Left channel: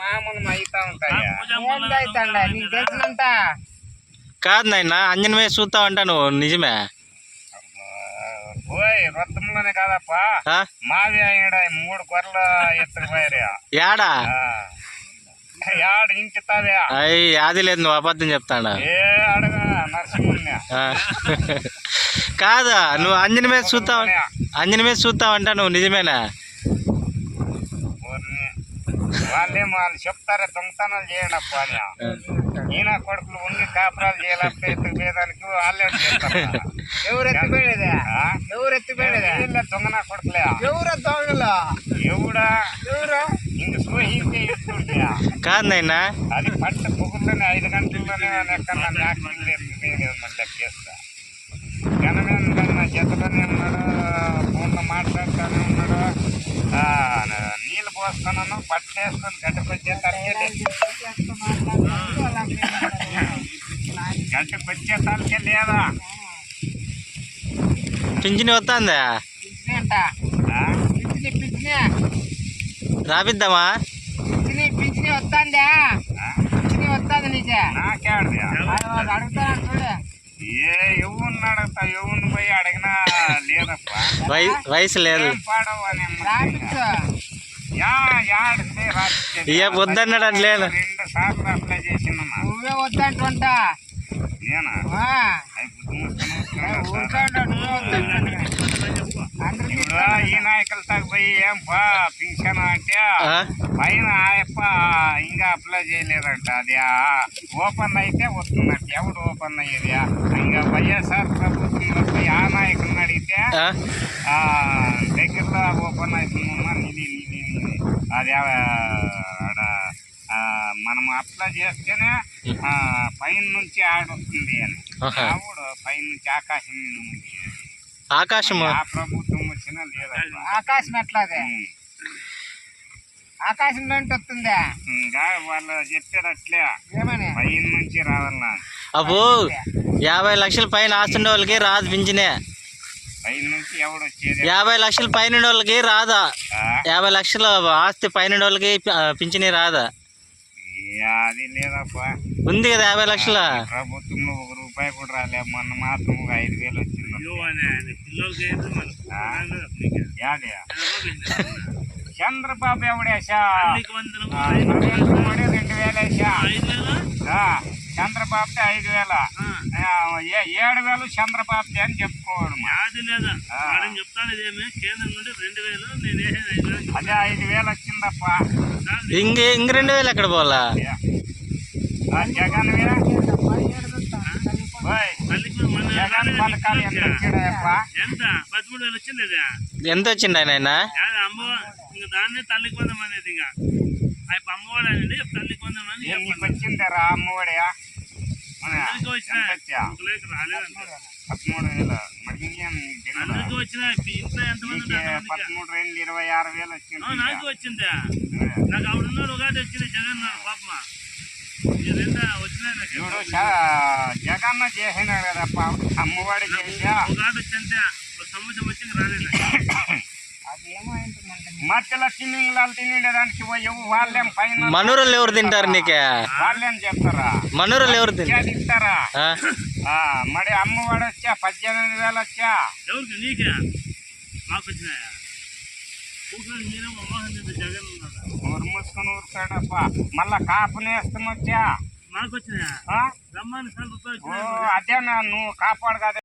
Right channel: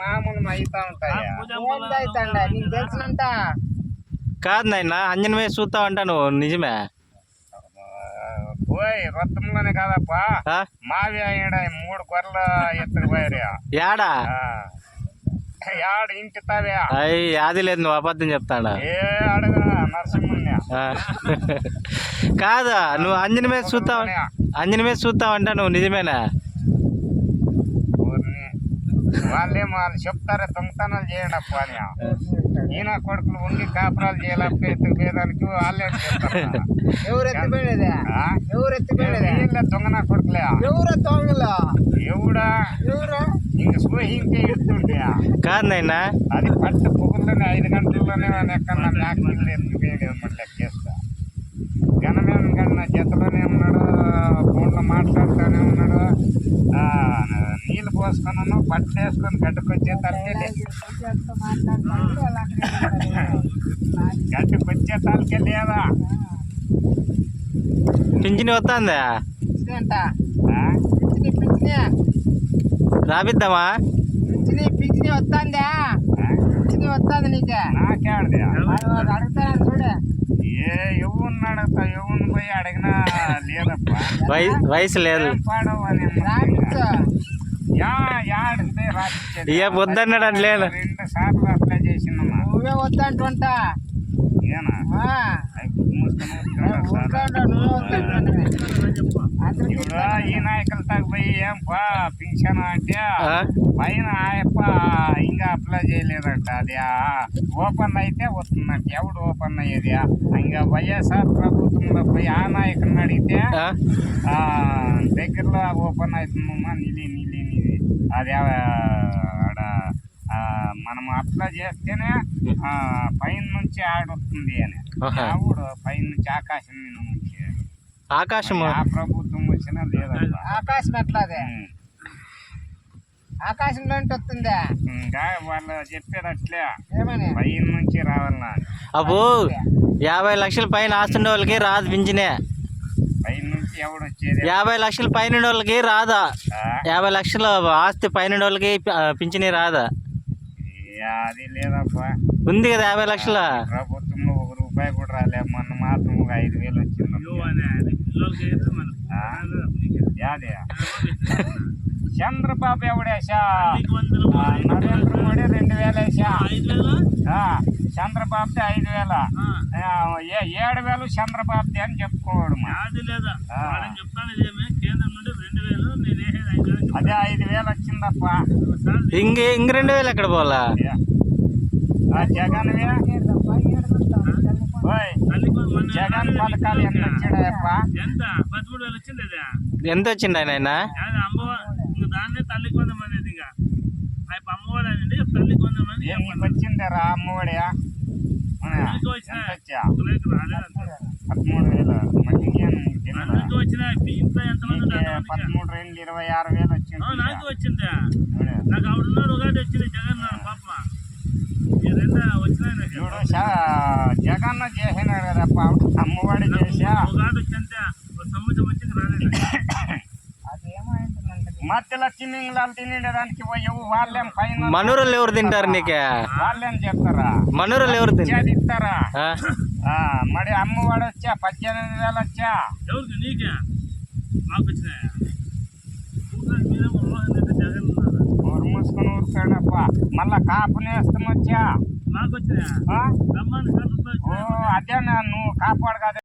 మామూలు అయితా ఉంటాయా అవుతాండ నీకు తెలిసినంత కాదు నాయన అంజనమే చూస్తావు అంటా నువ్వు నిజమే పోయి రొత్తంలోనే కాదప్పా మావి ఈడ 3 గొర్రెలు ఎత్తుకుపోయారు యాడా యాడ ఇంటి తావే అయ్యి యాది లేదు నువ్వు అబద్ధం చెప్తాడా ఏ అడగ నరసింహుని కాదా నువ్వు అంజనమే చూస్తావు అంట నువ్వు నిజమేనా వాళ్ళు చెప్తారా దొంగతనాలు చేయడప్ప అని ఈయన కొడుకులు ఉండి కాపురాలు చేయాలప్ప ఎత్తుకుపోయేదానికి వాళ్ళే చెప్తారు ఎవరు ఎత్తుపోయేదా వీళ్ళ దొంగన కొడుకులే ఎవరు దొంగలు ఎవడా ఇంక సోహించే ఎత్తుంటే కాదు నాయనా అది పట్టు పొగుల్లోనే 5 గంటల్లోనే ఎక్కడ నాకు ఇల్లు ఎత్తుకుపోయేది మళ్ళీ లెక్కేస్తా ఘనమైన నా జతలోనే ఉన్నాడు ఫోన్లో మాట్లాడుతూనే ఉన్నాడు నీళ్ళు పోసుకున్నాను బట్టలు వేసుకొని గట్టుకొచ్చే తలకే లేదా పింఛని వస్తుందా రాపిద్దామా పింఛని వస్తుందా పింఛని వస్తుంది నీకే నాకేడది అడుగుతాను చూడే ఎవరిని అడుగుతా ఎవరిని పోయి అడిగినా లేదప్పా వయసు లేదు వద్దన్నాడు అని లేదు 2 సార్లు అప్లై చేసిందమ్మా నువ్వే వద్దంటుంటా ఇప్పుడు ఈ నాయకులు తగ్గిపోయి ఏం పా పింఛన్ అంటే పైన ఆయప్ప ఇంకా అప్లై చేయలేదంట అది ఓపెన్ అయితే వస్తుందంట ఎవడు ఓపెన్ అయ్యేది ఇంకా వైఎస్ఆర్ ప్రభుత్వంలో పోయి ఆ నాయకుడిని అడిగితే దగ్గరలో ఓపెన్ అవుతుందమ్మా నిధి అది ఆడ మనం అప్లై చేస్తేనే పైన నుంచి ఆడొస్తుంది అని ఆవిడ పైన నుంచి ఆకాశం మీద ఉంది ఆకాశం ఆ ప్రభుత్వం వచ్చినా లేదా ఆకాశం ఎట్లాదే ఆకాశం నుంచి వస్తుందా ఇంకా వాళ్ళు చెప్పేది అట్లే ఏమని పైన నుంచి రావాలన్నా అబ్బో 50 లక్షల పైన ఆస్తుండే వాళ్ళకి రాదు పింఛనే పైన నుంచి ఎవడు వచ్చేది 50 లక్షల పైన వాళ్ళకి రాదా 50 లక్షల ఆస్తి పైన వాళ్ళకి పింఛని రాదా అది లేదప్పా ఉంది కదా 50 లక్షల ప్రభుత్వంలో 1 రూపాయి కూడా రాలే మొన్న మాత్రం 5,000 వచ్చింది చంద్రబాబు ఎవడేసా నరేంద్ర మోడీ 2,000 వేసా చంద్రబాబుది 5,000 7,000 చంద్రబాబుది అని చెప్పుకోవడం అదే 5,000 వచ్చిందప్ప ఇంక 2,000 ఎక్కడ పోవాలా జగన్ జగన్ పథకాలు ఎంత వచ్చాడప్ప ఎంత వచ్చింది ఆయన నీకు వచ్చిందరా అమ్మఒడి 13,000 మళ్ళీ 13,226,000 వచ్చింది చూడు జగన్ చేసినాడు కదప్ప అమ్మఒడి చేసా మధ్యలో తినేదానికి వాళ్ళేం పైన మనూరులు ఎవరు తింటారు నీకే వాళ్ళేం చెప్తారా మనూరులు ఎవరు తింటారా మరి అమ్మఒడి వచ్చా 18,000 వచ్చా ఊరు మూసుకొని ఊరుతాడప్ప మళ్ళా కాపు నేస్తం వచ్చా అదే నువ్వు కాపాడు కదా